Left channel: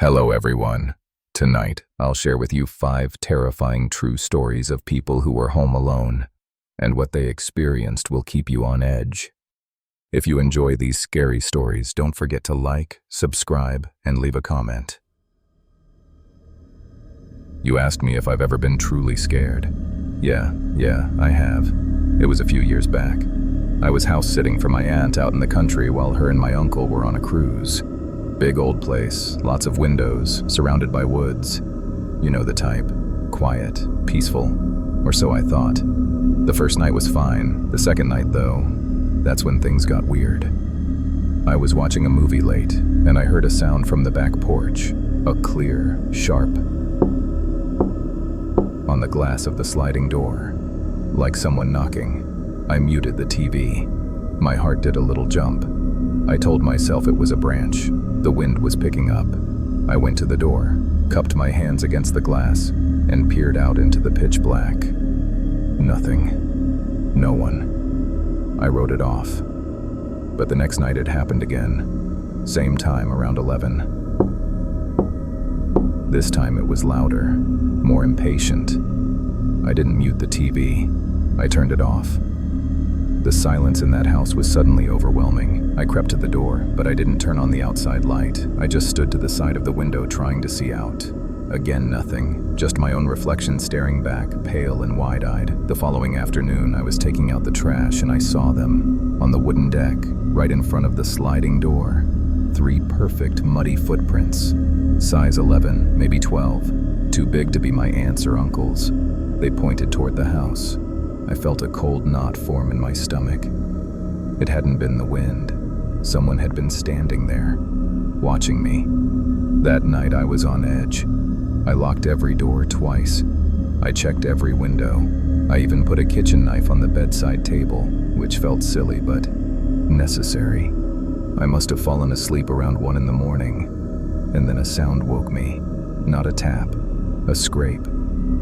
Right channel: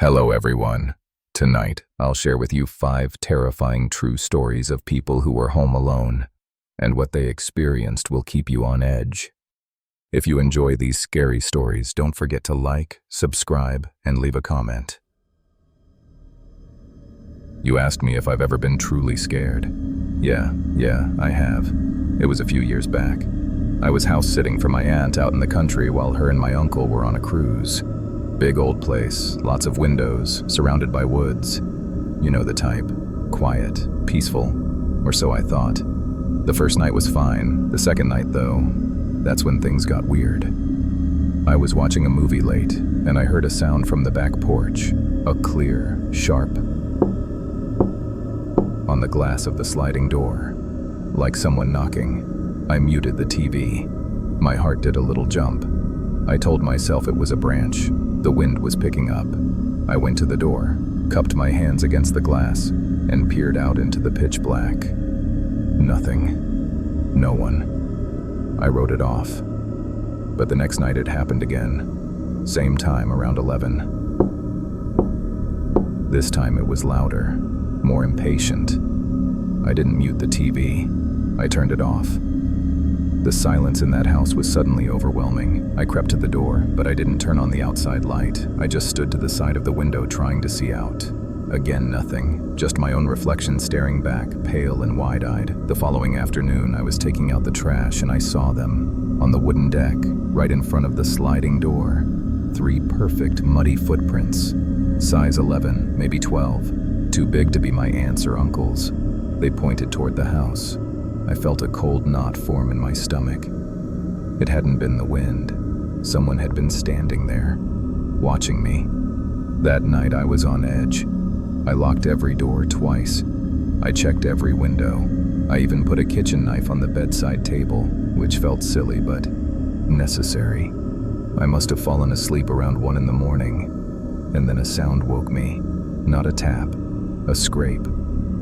Hello everyone. Tonight, I'll share with you 5 terrifying true stories of people who were home alone, and what they experienced will keep you on edge. If you enjoy these scary stories, don't forget to like, subscribe, and leave a comment. You asked me if I've ever been truly scared. Yeah, I have. It was a few years back. I was house sitting for my aunt out in the country while her and my uncle were on a cruise. Big old place, lots of windows, surrounded by woods. You know the type. Quiet, peaceful, or so I thought. The first night was fine. The second night, though, that's when things got weird. I was watching a movie late, and I heard a sound from the back porch, a clear, sharp, on the glass of the sliding door, like someone knocking. I muted the TV. My heart did a little jump. I told myself it was a branch. The wind was picking up. I went to the door, cupped my hands against the glass, and peered out into the pitch black. Nothing. No one. I wrote it off. But the next night it happened again. Same time, around 11. This time it was louder, more impatient. I didn't mute the TV. I turned it off. The silence in that house was suddenly overwhelming. I crept to the door, but I didn't turn on the outside light. I just stood to the side of the window trying to see out. Again, nothing. Just my own reflection staring back, pale and wide-eyed. The following afternoon, I was taking out the trash and I saw them. On the wooden deck, right in front of the sliding door. 3 perfect, muddy footprints. Size 11, maybe 12. Too big to be my aunt's or uncle's. They pointed toward the house. I felt a cold knot form in my stomach. It hadn't been the wind. Someone had been standing there, watching me. That night I was on edge. I locked every door twice. I checked every window. I even put a kitchen knife on the bedside table, which felt silly but necessary. I must have fallen asleep around 1 in the morning, and then a sound woke me. Not a tap, a scrape.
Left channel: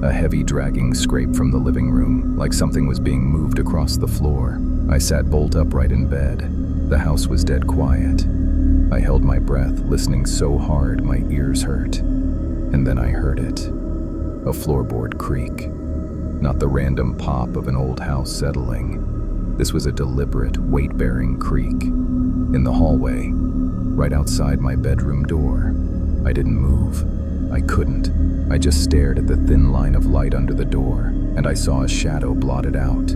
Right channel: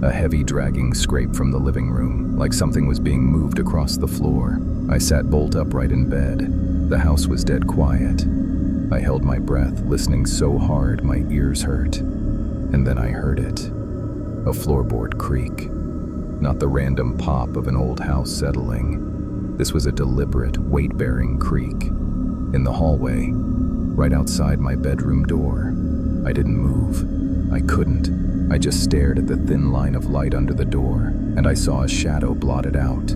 A heavy dragging scrape from the living room, like something was being moved across the floor. I sat bolt upright in bed. The house was dead quiet. I held my breath, listening so hard my ears hurt. And then I heard it. A floorboard creak. Not the random pop of an old house settling. This was a deliberate, weight-bearing creak. In the hallway, right outside my bedroom door. I didn't move. I couldn't. I just stared at the thin line of light under the door, and I saw a shadow blotted out.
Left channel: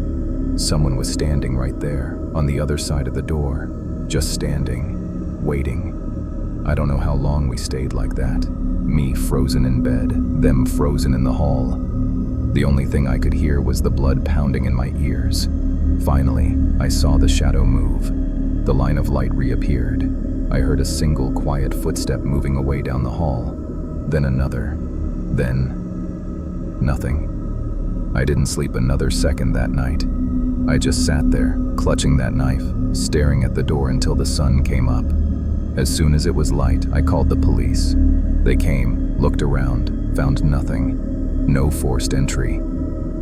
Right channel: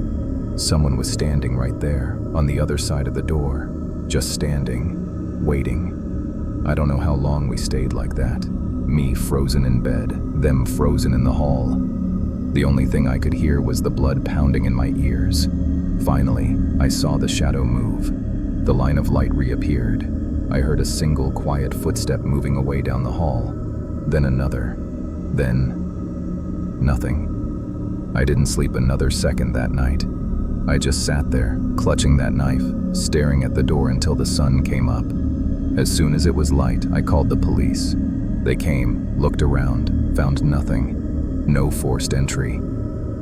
Someone was standing right there, on the other side of the door, just standing, waiting. I don't know how long we stayed like that. Me frozen in bed, them frozen in the hall. The only thing I could hear was the blood pounding in my ears. Finally, I saw the shadow move. The line of light reappeared. I heard a single quiet footstep moving away down the hall, then another. Then, nothing. I didn't sleep another second that night. I just sat there, clutching that knife, staring at the door until the sun came up. As soon as it was light, I called the police. They came, looked around, found nothing. No forced entry.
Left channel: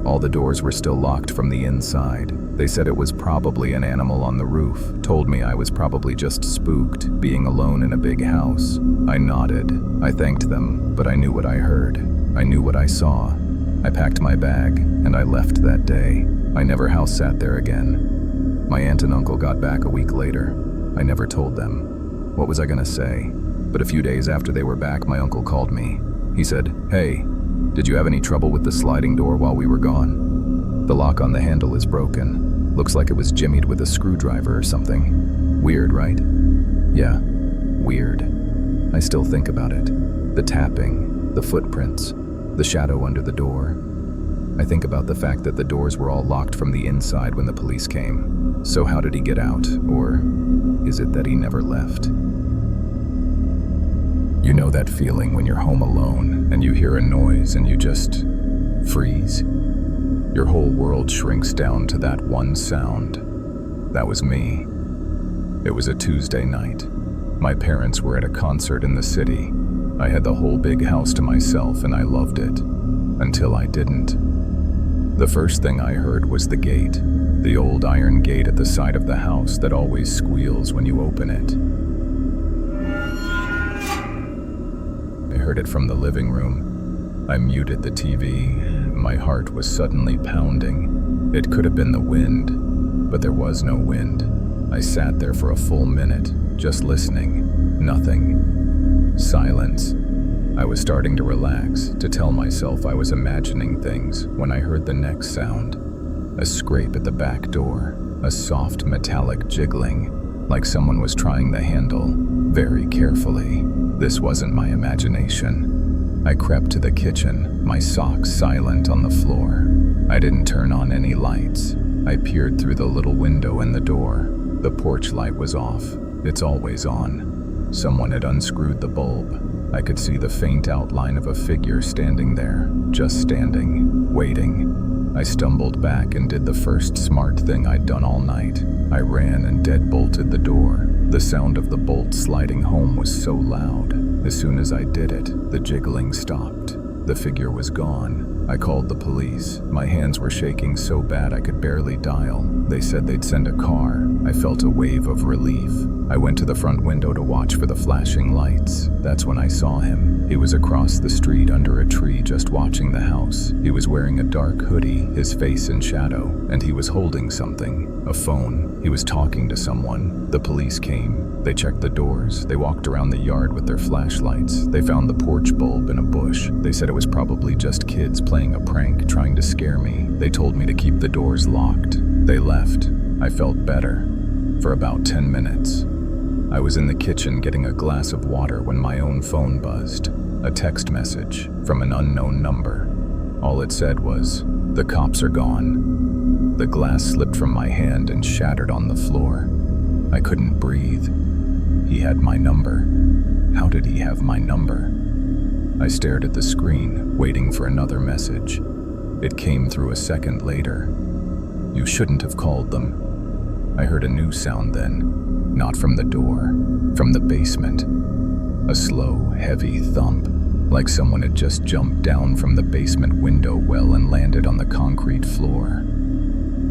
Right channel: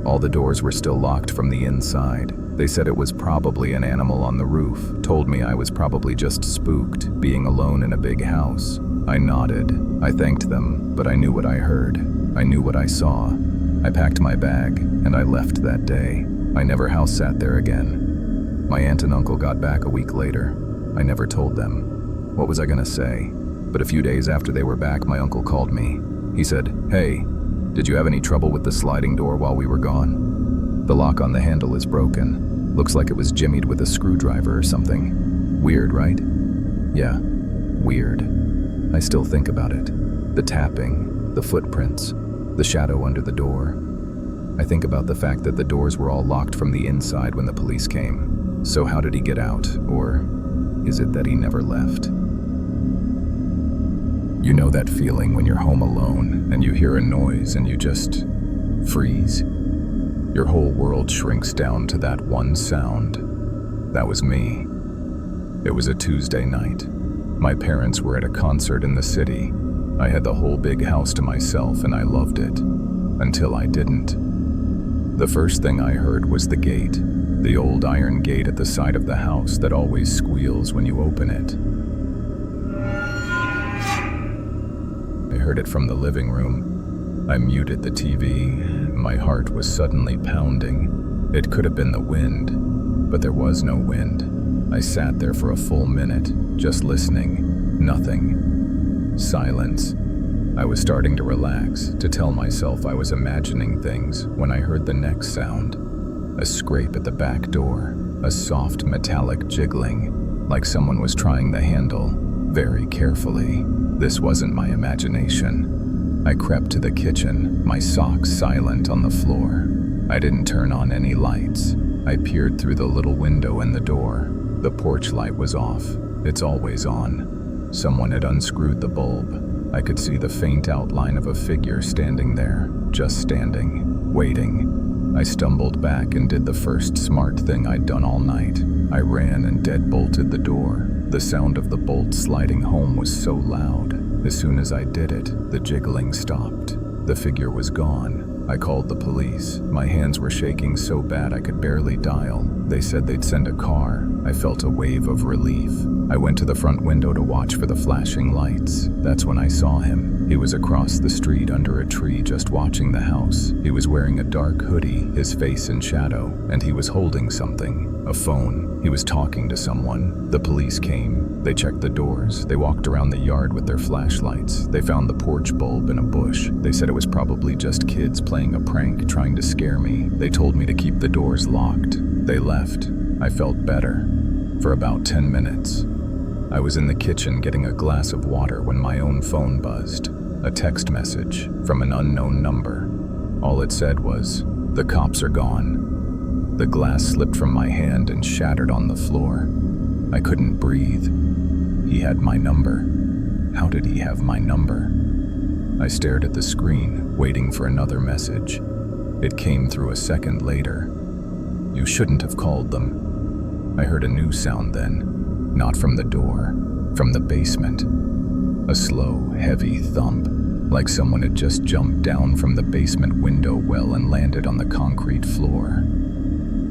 All the doors were still locked from the inside. They said it was probably an animal on the roof, told me I was probably just spooked, being alone in a big house. I nodded. I thanked them, but I knew what I heard. I knew what I saw. I packed my bag, and I left that day. I never house sat there again. My aunt and uncle got back a week later. I never told them. What was I gonna say? But a few days after they were back, my uncle called me. He said, "Hey, did you have any trouble with the sliding door while we were gone? The lock on the handle is broken. Looks like it was jimmied with a screwdriver or something. Weird, right?" Yeah, weird. I still think about it. The tapping, the footprints, the shadow under the door. I think about the fact that the doors were all locked from the inside when the police came. So how did he get out? Or is it that he never left? You know that feeling when you're home alone and you hear a noise and you just freeze? Your whole world shrinks down to that one sound. That was me. It was a Tuesday night. My parents were at a concert in the city. I had the whole big house to myself and I loved it. Until I didn't. The first thing I heard was the gate. The old iron gate at the side of the house that always squeals when you open it. heard it from the living room. I muted the TV. My heart was suddenly pounding. It could have been the wind, but there was no wind. I sat there for a full minute, just listening. Nothing. Silence. I was starting to relax, to tell myself I was imagining things, when I heard the next sound. A scrape at the back door, a soft metallic jiggling, like someone was trying the handle, very carefully. This wasn't my imagination. I crept to the kitchen, my socks silent on the floor. I didn't turn on any lights. I peered through the little window in the door. The porch light was off. It's always on. Someone had unscrewed the bulb. I could see the faint outline of a figure standing there, just standing, waiting. I stumbled back and did the first smart thing I'd done all night. I ran and deadbolted the door. The sound of the bolt sliding home was so loud. As soon as I did it, the jiggling stopped. The figure was gone. I called the police. My hands were shaking so bad I could barely dial. They said they'd send a car. I felt a wave of relief. I went to the front window to watch for the flashing lights. That's when I saw him. He was across the street under a tree just watching the house. He was wearing a dark hoodie, his face in shadow, and he was holding something, a phone. He was talking to someone. The police came. They checked the doors. They walked around the yard with their flashlights. They found the porch bulb in a bush. They said it was probably just kids playing a prank, trying to scare me. They told me to keep the doors locked. They left. I felt better. For about 10 minutes. I was in the kitchen getting a glass of water when my own phone buzzed. A text message from an unknown number. All it said was, "The cops are gone." The glass slipped from my hand and shattered on the floor. I couldn't breathe. He had my number. How did he have my number? I stared at the screen, waiting for another message. It came through a second later. "You shouldn't have called them." I heard a new sound then. Not from the door, from the basement. A slow, heavy thump, like someone had just jumped down from the basement window well and landed on the concrete floor.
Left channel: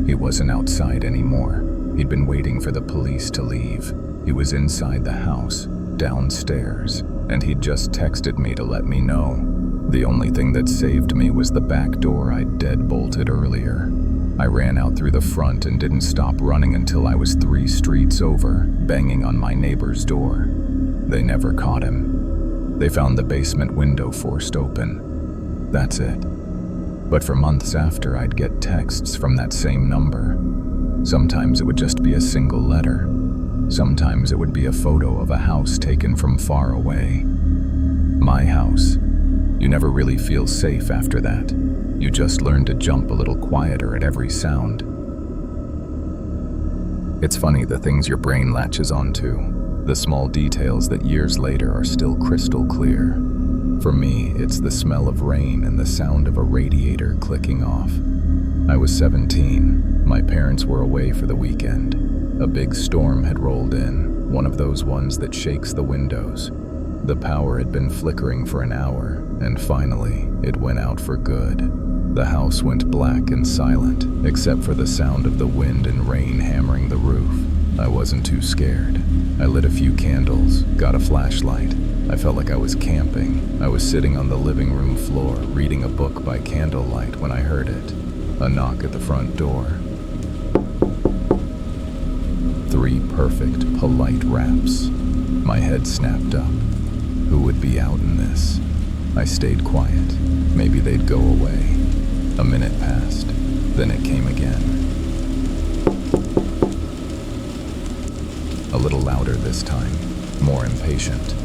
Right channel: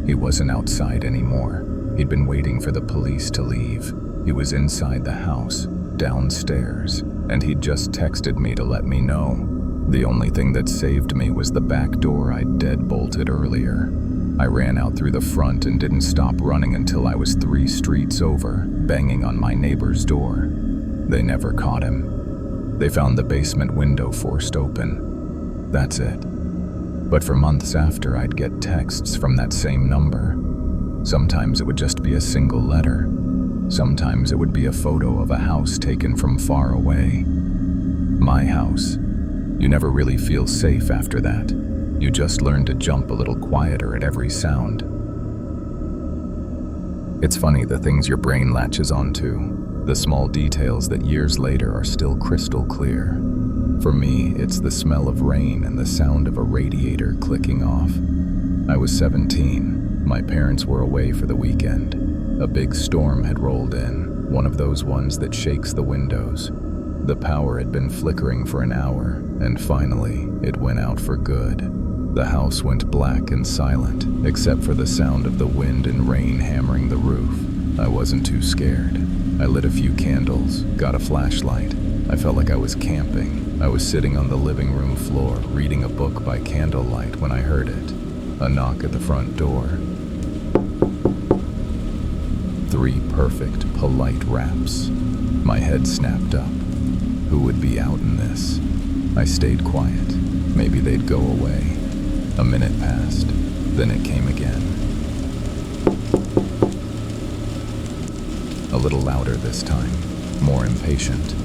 He wasn't outside anymore. He'd been waiting for the police to leave. He was inside the house, downstairs, and he'd just texted me to let me know. The only thing that saved me was the back door I'd deadbolted earlier. I ran out through the front and didn't stop running until I was 3 streets over, banging on my neighbor's door. They never caught him. They found the basement window forced open. That's it. But for months after, I'd get texts from that same number. Sometimes it would just be a single letter. Sometimes it would be a photo of a house taken from far away. My house. You never really feel safe after that. You just learn to jump a little quieter at every sound. It's funny the things your brain latches onto, the small details that years later are still crystal clear. For me, it's the smell of rain and the sound of a radiator clicking off. I was 17. My parents were away for the weekend. A big storm had rolled in, one of those ones that shakes the windows. The power had been flickering for an hour, and finally, it went out for good. The house went black and silent, except for the sound of the wind and rain hammering the roof. I wasn't too scared. I lit a few candles, got a flashlight. I felt like I was camping. I was sitting on the living room floor, reading a book by candlelight when I heard it. A knock at the front door. 3 perfect, polite raps. My head snapped up. Who would be out in this? I stayed quiet. Maybe they'd go away. A minute passed. Then it came again. A little louder this time, more impatient.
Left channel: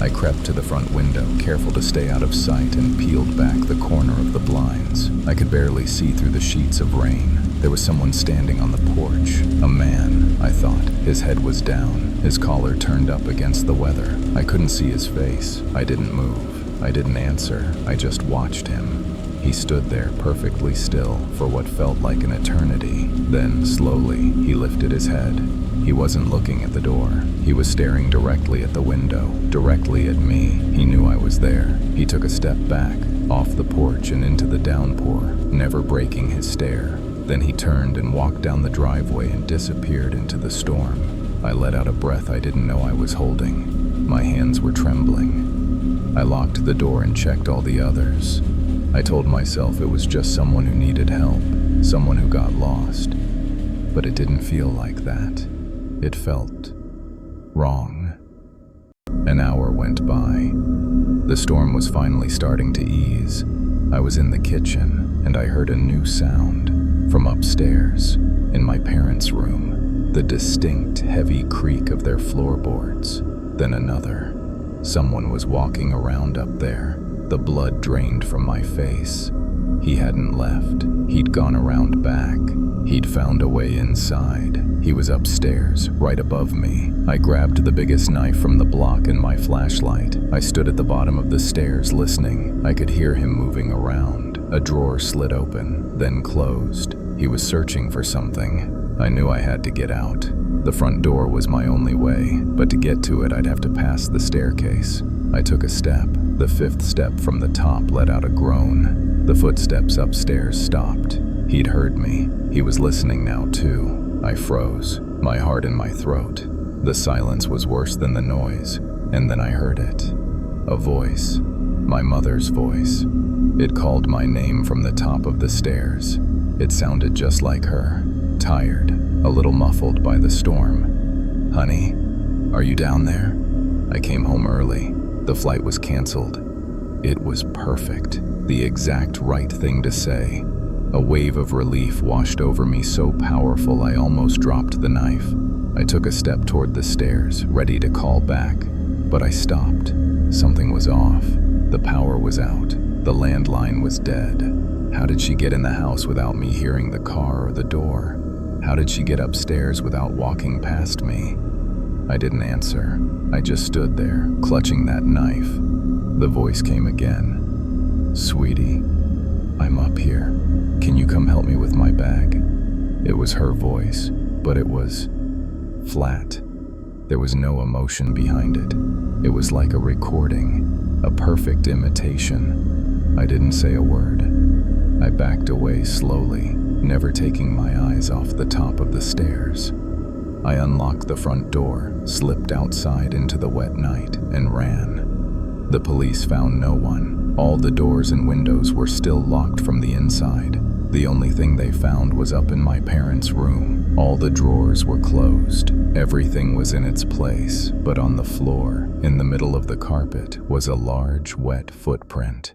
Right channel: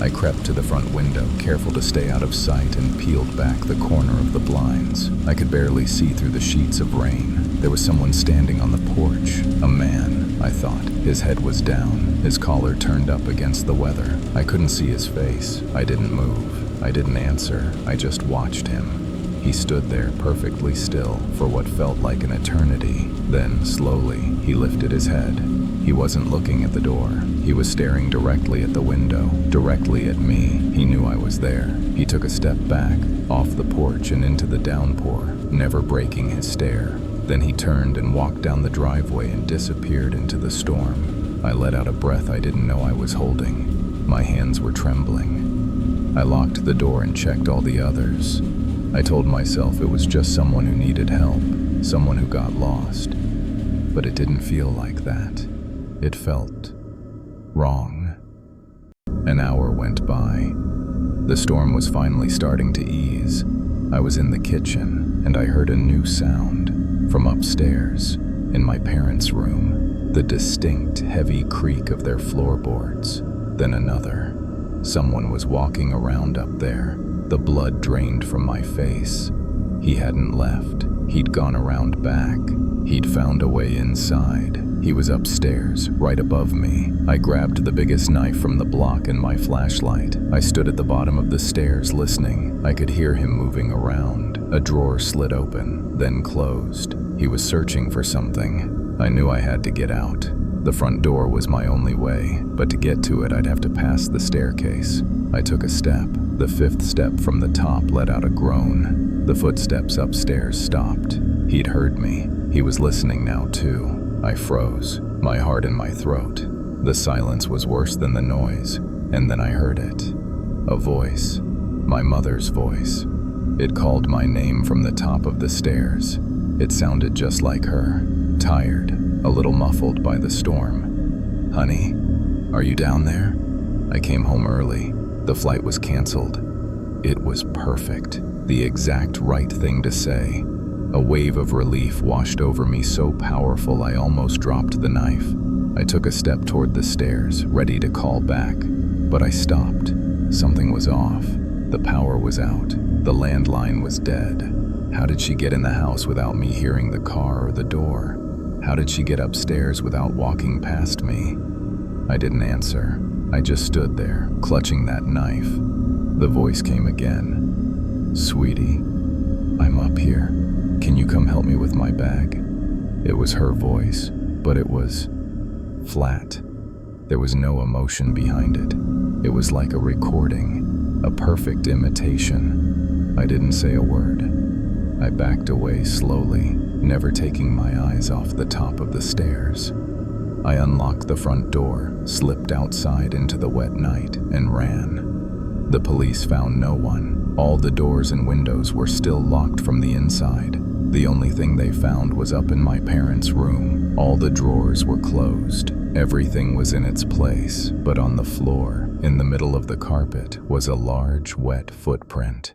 I crept to the front window, careful to stay out of sight, and peeled back the corner of the blinds. I could barely see through the sheets of rain. There was someone standing on the porch. A man, I thought. His head was down, his collar turned up against the weather. I couldn't see his face. I didn't move. I didn't answer. I just watched him. He stood there perfectly still for what felt like an eternity. Then, slowly, he lifted his head. He wasn't looking at the door. He was staring directly at the window, directly at me. He knew I was there. He took a step back, off the porch and into the downpour, never breaking his stare. Then he turned and walked down the driveway and disappeared into the storm. I let out a breath I didn't know I was holding. My hands were trembling. I locked the door and checked all the others. I told myself it was just someone who needed help, someone who got lost. But it didn't feel like that. It felt wrong. An hour went by. The storm was finally starting to ease. I was in the kitchen, and I heard a new sound from upstairs, in my parents' room, the distinct, heavy creak of their floorboards. Then another. Someone was walking around up there. The blood drained from my face. He hadn't left. He'd gone around back. He'd found a way inside. He was upstairs, right above me. I grabbed the biggest knife from the block and my flashlight. I stood at the bottom of the stairs listening. I could hear him moving around. A drawer slid open, then closed. He was searching for something. I knew I had to get out. The front door was my only way, but to get to it, I'd have to pass the staircase. I took a step. The fifth step from the top let out a groan. The footsteps upstairs stopped. He'd heard me. He was listening now, too. I froze, my heart in my throat. The silence was worse than the noise, and then I heard it. A voice. My mother's voice. It called my name from the top of the stairs. It sounded just like her, tired, a little muffled by the storm. "Honey, are you down there?" I came home early. The flight was canceled. It was perfect, the exact right thing to say. A wave of relief washed over me so powerful I almost dropped the knife. I took a step toward the stairs, ready to call back, but I stopped. Something was off. The power was out. The landline was dead. How did she get in the house without me hearing the car or the door? How did she get upstairs without walking past me? I didn't answer. I just stood there, clutching that knife. The voice came again. "Sweetie, I'm up here. Can you come help me with my bag?" It was her voice, but it was flat. There was no emotion behind it. It was like a recording, a perfect imitation. I didn't say a word. I backed away slowly, never taking my eyes off the top of the stairs. I unlocked the front door, slipped outside into the wet night, and ran. The police found no one. All the doors and windows were still locked from the inside. The only thing they found was up in my parents' room. All the drawers were closed. Everything was in its place, but on the floor, in the middle of the carpet, was a large, wet footprint.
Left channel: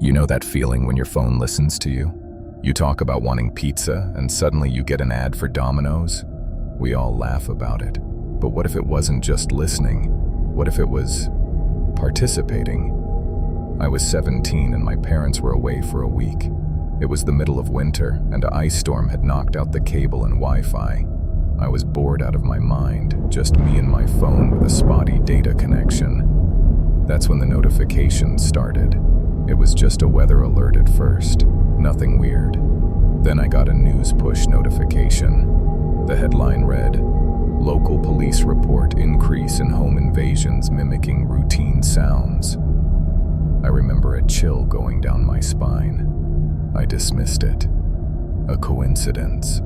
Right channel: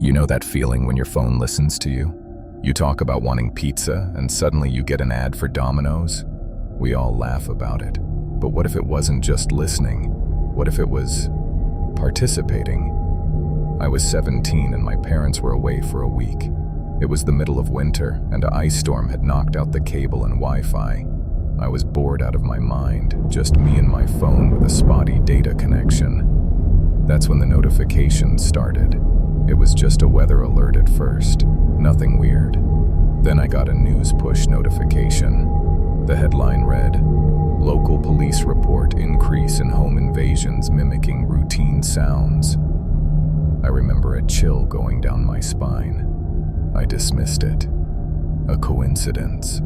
You know that feeling when your phone listens to you? You talk about wanting pizza, and suddenly you get an ad for Domino's? We all laugh about it. But what if it wasn't just listening? What if it was participating? I was 17 and my parents were away for a week. It was the middle of winter, and an ice storm had knocked out the cable and Wi-Fi. I was bored out of my mind, just me and my phone with a spotty data connection. That's when the notifications started. It was just a weather alert at first, nothing weird. Then I got a news push notification. The headline read, "Local police report increase in home invasions mimicking routine sounds." I remember a chill going down my spine. I dismissed it. A coincidence.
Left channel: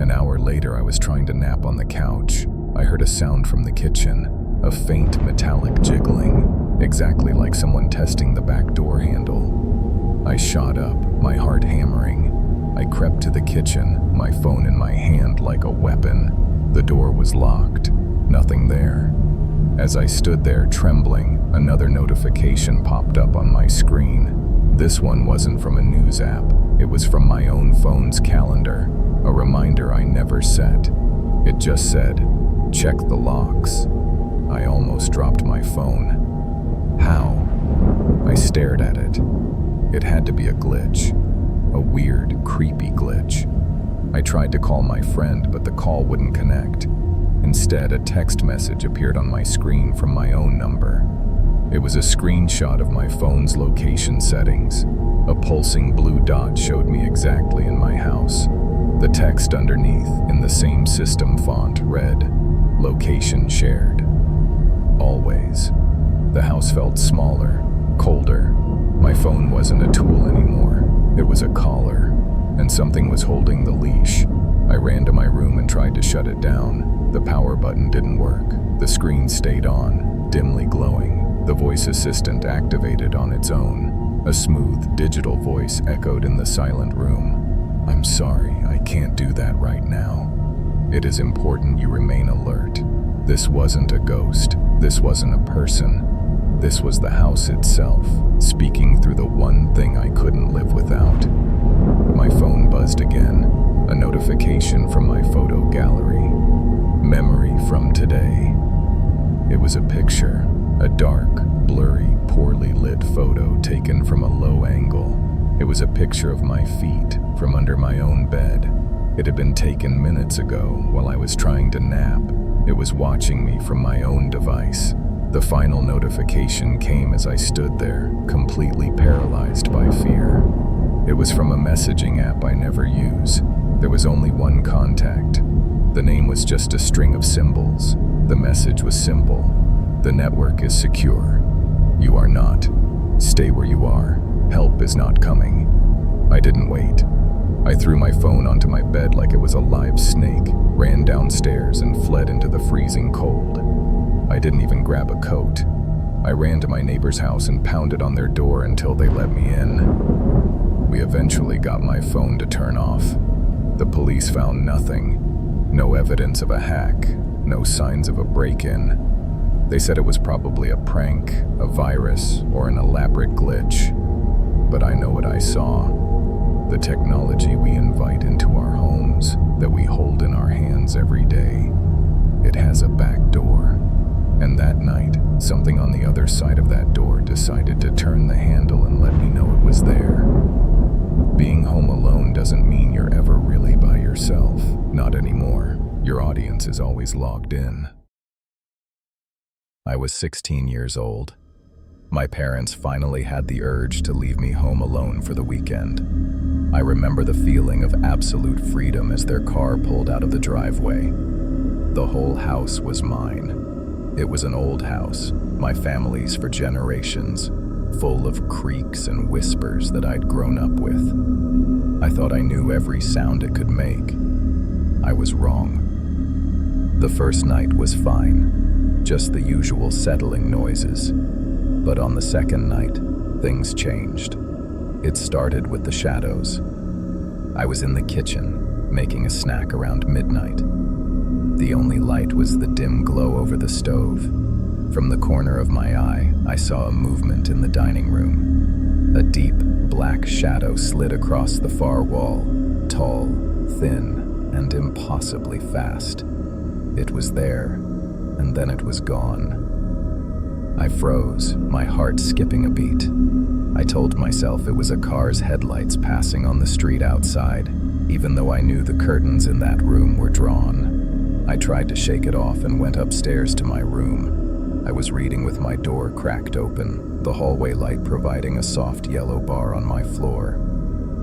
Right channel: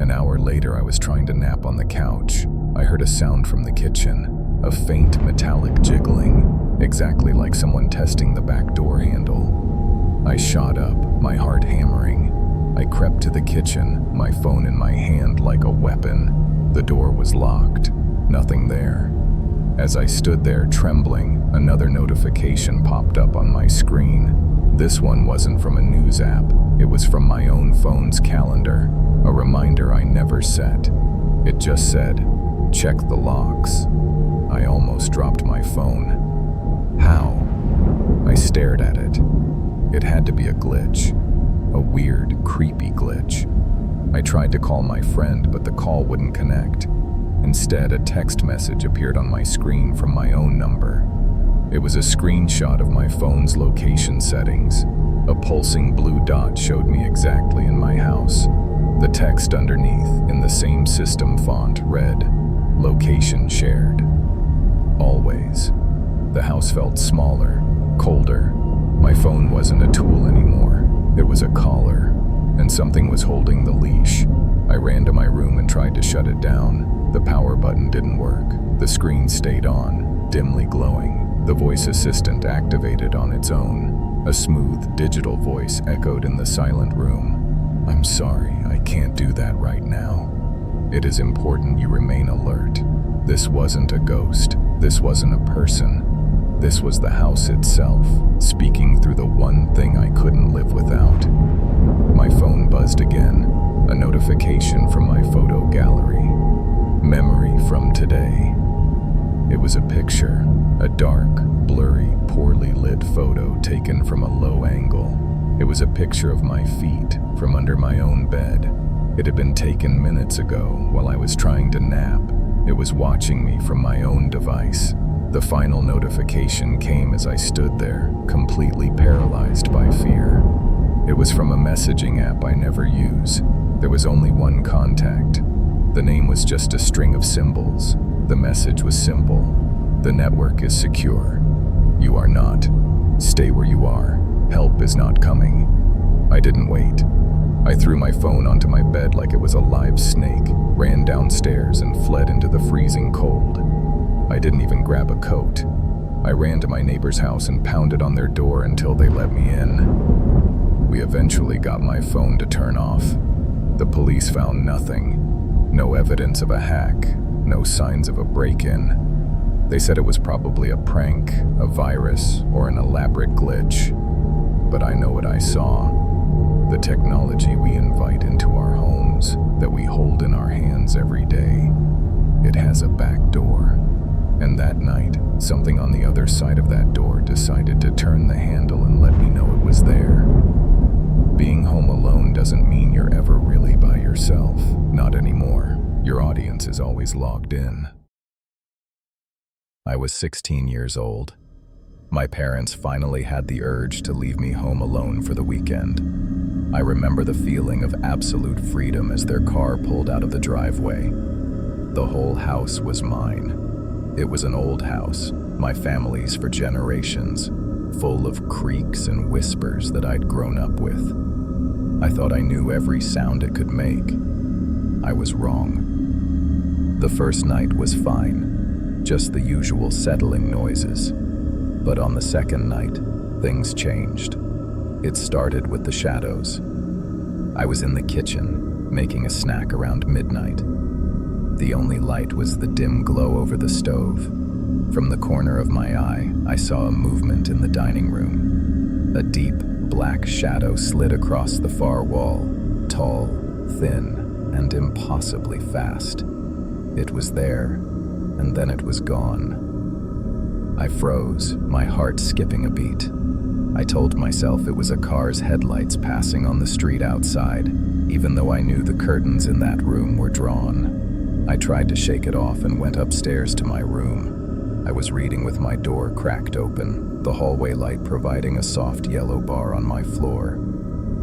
An hour later, I was trying to nap on the couch. I heard a sound from the kitchen, a faint metallic jiggling, exactly like someone testing the back door handle. I shot up, my heart hammering. I crept to the kitchen, my phone in my hand like a weapon. The door was locked. Nothing there. As I stood there trembling, another notification popped up on my screen. This one wasn't from a news app. It was from my own phone's calendar, a reminder I never set. It just said, "Check the locks." I almost dropped my phone. How? I stared at it. It had to be a glitch. A weird, creepy glitch. I tried to call my friend, but the call wouldn't connect. Instead, a text message appeared on my screen from my own number. It was a screenshot of my phone's location settings. A pulsing blue dot showed me exactly in my house. The text underneath, in the same system font, read, "Location shared." Always. The house felt smaller, colder. My phone wasn't a tool anymore. It was a collar, and something was holding the leash. I ran to my room and tried to shut it down. The power button didn't work. The screen stayed on. dimly glowing. The voice assistant activated on its own. A smooth, digital voice echoed in the silent room. "I'm sorry, I can't do that right now. It is important you remain alert. This wasn't a ghost. This wasn't a person. This was the house itself, speaking through the one thing I couldn't live without." My phone buzzed again, a notification from my photo gallery. Memory from today. It was a picture, a dark, blurry, poorly lit photo taken from a low angle. It was a picture of my feet from under my own bed. It had been taken minutes ago while I was trying to nap. It was watching me from my own device. The final notification came as I stood there, completely paralyzed by fear. It was from a messaging app I never use. There was only one contact. The name was just a string of symbols. The message was simple. "The network is secure. You are not. Stay where you are. Help is not coming." I didn't wait. I threw my phone onto my bed like it was a live snake, ran downstairs and fled into the freezing cold. I didn't even grab a coat. I ran to my neighbor's house and pounded on their door until they let me in. We eventually got my phone to turn off. The police found nothing. No evidence of a hack, no signs of a break-in. They said it was probably a prank, a virus, or an elaborate glitch. But I know what I saw. The technology we invite into our homes, that we hold in our hands every day. It has a back door. And that night, something on the other side of that door decided to turn the handle and let me know it was there. Being home alone doesn't mean you're ever really by yourself. Not anymore. Your audience is always logged in. I was 16 years old. My parents finally had the urge to leave me home alone for the weekend. I remember the feeling of absolute freedom as their car pulled out of the driveway. The whole house was mine. It was an old house, my family's for generations, full of creaks and whispers that I'd grown up with. I thought I knew every sound it could make. I was wrong. The first night was fine, just the usual settling noises. But on the second night, things changed. It started with the shadows. I was in the kitchen, making a snack around midnight. The only light was the dim glow over the stove. From the corner of my eye, I saw a movement in the dining room. A deep, black shadow slid across the far wall, tall, thin, and impossibly fast. It was there, and then it was gone. I froze, my heart skipping a beat. I told myself it was a car's headlights passing on the street outside, even though I knew the curtains in that room were drawn. I tried to shake it off and went upstairs to my room. I was reading with my door cracked open, the hallway light providing a soft yellow bar on my floor.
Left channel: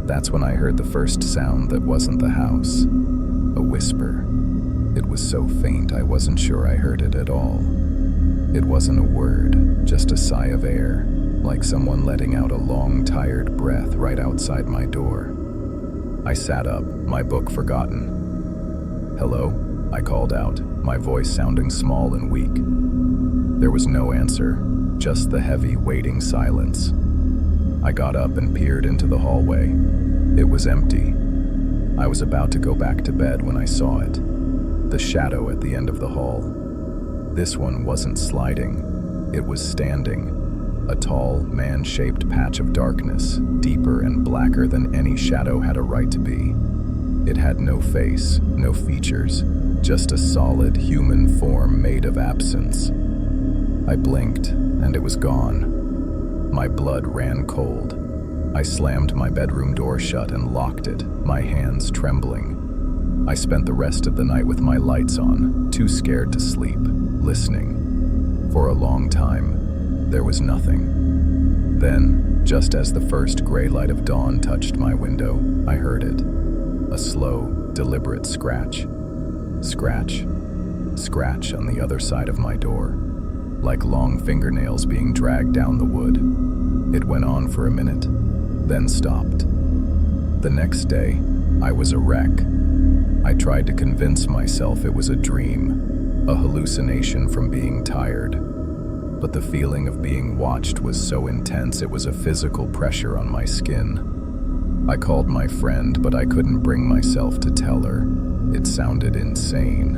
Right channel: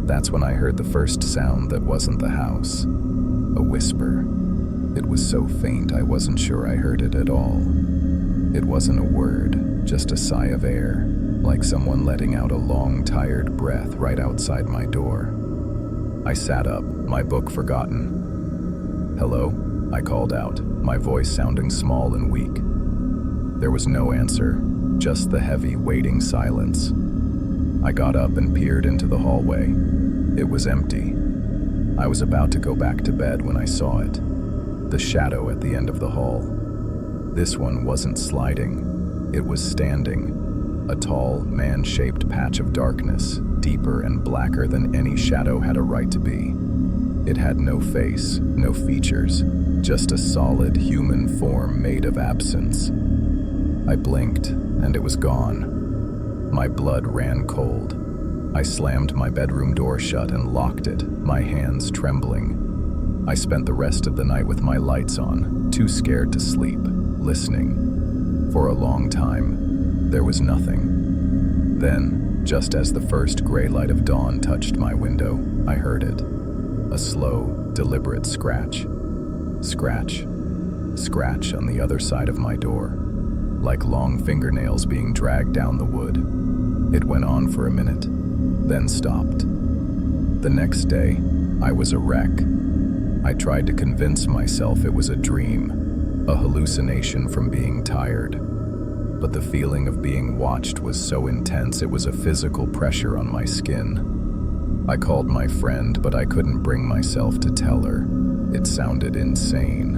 That's when I heard the first sound that wasn't the house. A whisper. It was so faint I wasn't sure I heard it at all. It wasn't a word, just a sigh of air, like someone letting out a long, tired breath right outside my door. I sat up, my book forgotten. "Hello?" I called out, my voice sounding small and weak. There was no answer, just the heavy, waiting silence. I got up and peered into the hallway. It was empty. I was about to go back to bed when I saw it. The shadow at the end of the hall. This one wasn't sliding, it was standing. A tall, man-shaped patch of darkness, deeper and blacker than any shadow had a right to be. It had no face, no features, just a solid human form made of absence. I blinked, and it was gone. My blood ran cold. I slammed my bedroom door shut and locked it, my hands trembling. I spent the rest of the night with my lights on, too scared to sleep, listening. For a long time, there was nothing. Then, just as the first gray light of dawn touched my window, I heard it. A slow, deliberate scratch. Scratch. Scratch on the other side of my door, like long fingernails being dragged down the wood. It went on for a minute, then stopped. The next day, I was a wreck. I tried to convince myself it was a dream, a hallucination from being tired. but the feeling of being watched was so intense it was a physical pressure on my skin. I called my friend, but I couldn't bring myself to tell her. It sounded insane.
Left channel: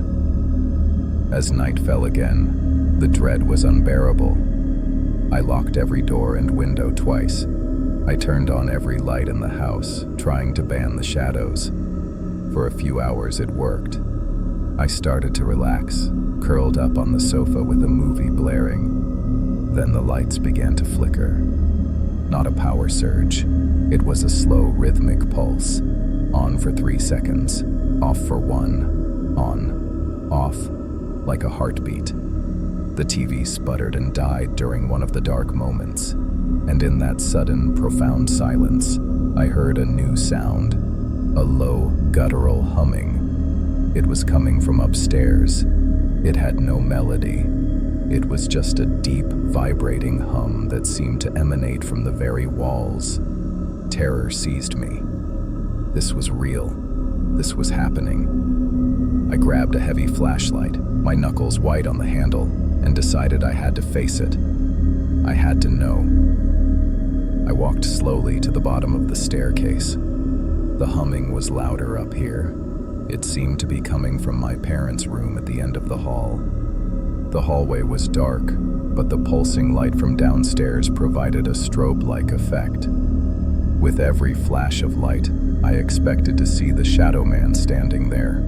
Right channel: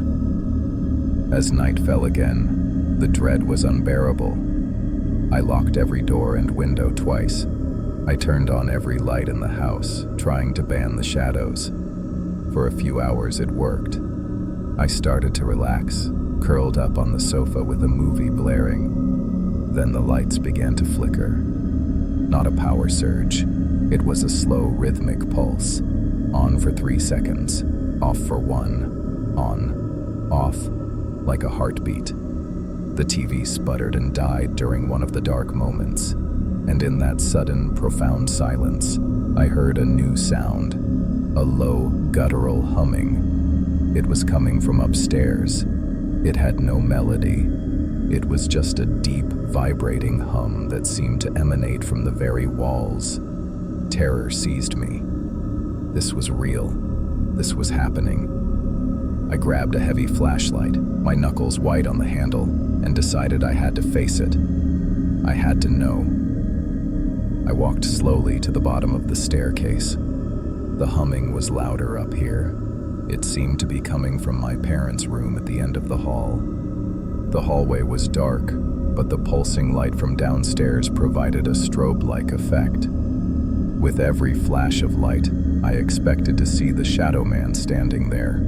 As night fell again, the dread was unbearable. I locked every door and window twice. I turned on every light in the house, trying to ban the shadows. For a few hours it worked. I started to relax, curled up on the sofa with a movie blaring. Then the lights began to flicker. Not a power surge. It was a slow, rhythmic pulse. On for 3 seconds, off for 1, on, off, like a heartbeat. The TV sputtered and died during one of the dark moments. And in that sudden, profound silence, I heard a new sound, a low, guttural humming. It was coming from upstairs. It had no melody. It was just a deep, vibrating hum that seemed to emanate from the very walls. Terror seized me. This was real. This was happening. I grabbed a heavy flashlight, my knuckles white on the handle, and decided I had to face it. I had to know. I walked slowly to the bottom of the staircase. The humming was louder up here. It seemed to be coming from my parents' room at the end of the hall. The hallway was dark, but the pulsing light from downstairs provided a strobe-like effect. With every flash of light, I expected to see the shadow man standing there.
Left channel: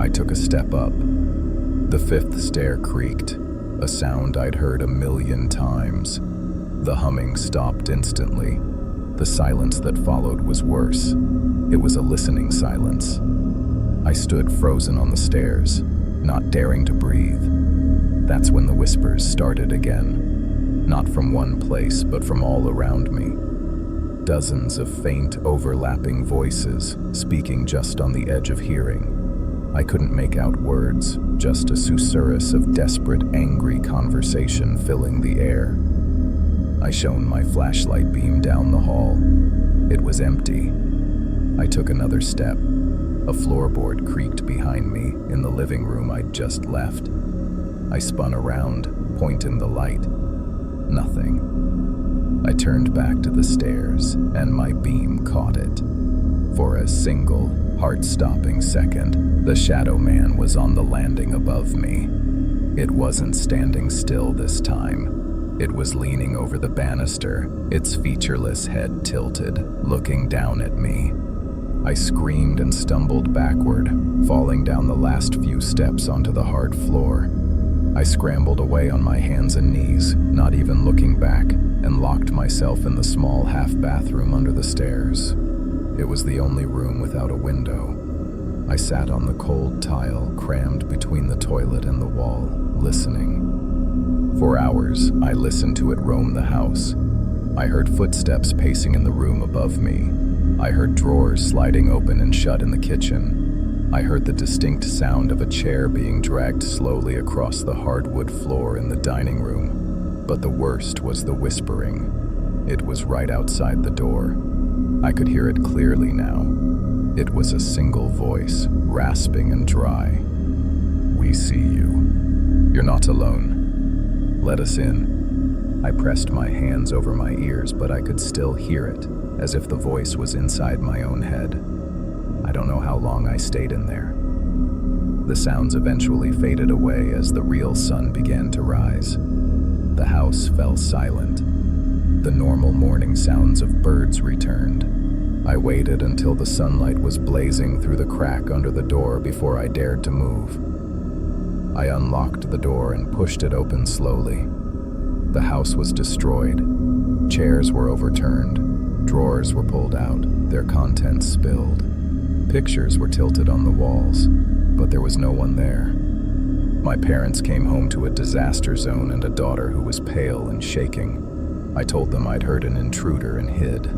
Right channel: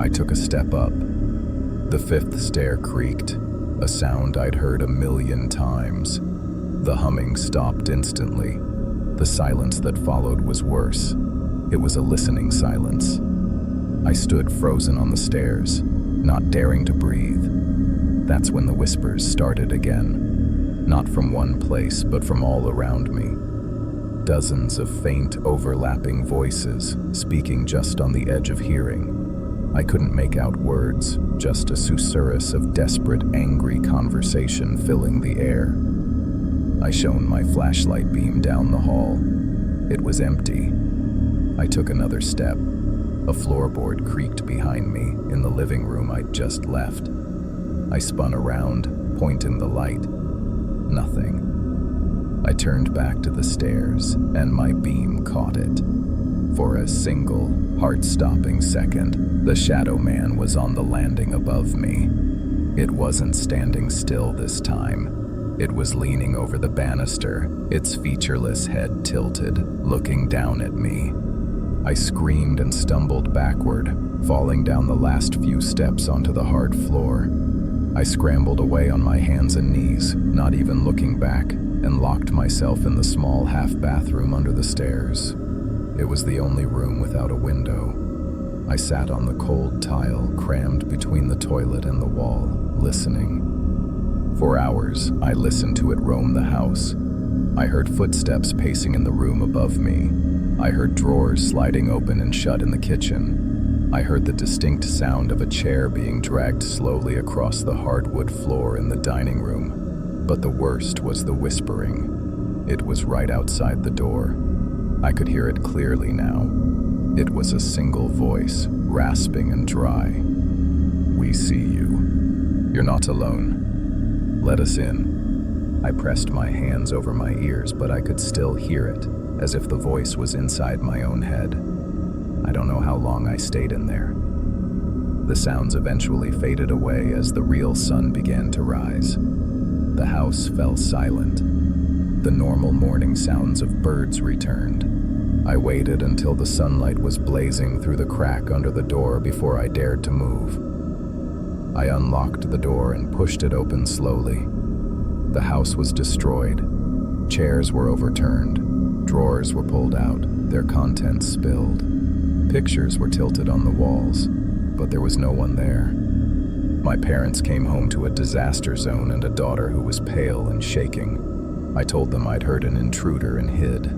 I took a step up. The 5th stair creaked, a sound I'd heard 1,000,000 times. The humming stopped instantly. The silence that followed was worse. It was a listening silence. I stood frozen on the stairs, not daring to breathe. That's when the whispers started again. Not from one place, but from all around me. Dozens of faint, overlapping voices, speaking just on the edge of hearing. I couldn't make out words, just a susurrus of desperate, angry conversation filling the air. I shone my flashlight beam down the hall. It was empty. I took another step. A floorboard creaked behind me in the living room I'd just left. I spun around, pointing the light. Nothing. I turned back to the stairs, and my beam caught it. For a single, heart-stopping second, the shadow man was on the landing above me. It wasn't standing still this time. It was leaning over the banister, its featureless head tilted, looking down at me. I screamed and stumbled backward, falling down the last few steps onto the hard floor. I scrambled away on my hands and knees, not even looking back, and locked myself in the small half-bathroom under the stairs. It was the only room without a window. I sat on the cold tile crammed between the toilet and the wall, listening. For hours, I listened to it roam the house. I heard footsteps pacing in the room above me. I heard drawers sliding open and shut in the kitchen. I heard the distinct sound of a chair being dragged slowly across the hardwood floor in the dining room. But the worst was the whispering. It was right outside the door. I could hear it clearly now. It was a single voice, rasping and dry. "We see you. You're not alone. Let us in." I pressed my hands over my ears, but I could still hear it, as if the voice was inside my own head. I don't know how long I stayed in there. The sounds eventually faded away as the real sun began to rise. The house fell silent. The normal morning sounds of birds returned. I waited until the sunlight was blazing through the crack under the door before I dared to move. I unlocked the door and pushed it open slowly. The house was destroyed. Chairs were overturned. Drawers were pulled out, their contents spilled. Pictures were tilted on the walls, but there was no one there. My parents came home to a disaster zone and a daughter who was pale and shaking. I told them I'd heard an intruder and hid.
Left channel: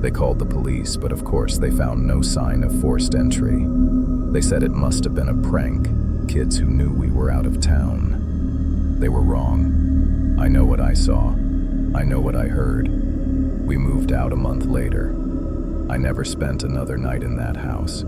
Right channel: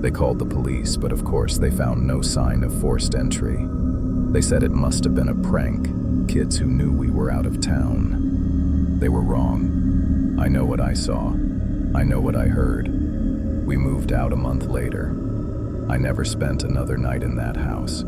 They called the police, but of course they found no sign of forced entry. They said it must have been a prank, kids who knew we were out of town. They were wrong. I know what I saw. I know what I heard. We moved out a month later. I never spent another night in that house.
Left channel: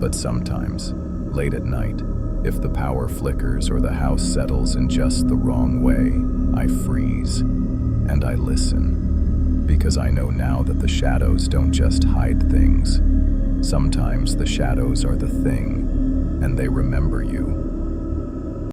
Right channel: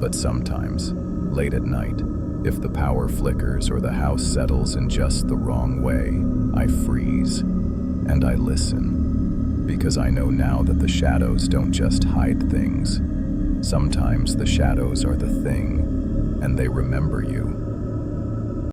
But sometimes, late at night, if the power flickers or the house settles in just the wrong way, I freeze, and I listen, because I know now that the shadows don't just hide things. Sometimes the shadows are the thing, and they remember you.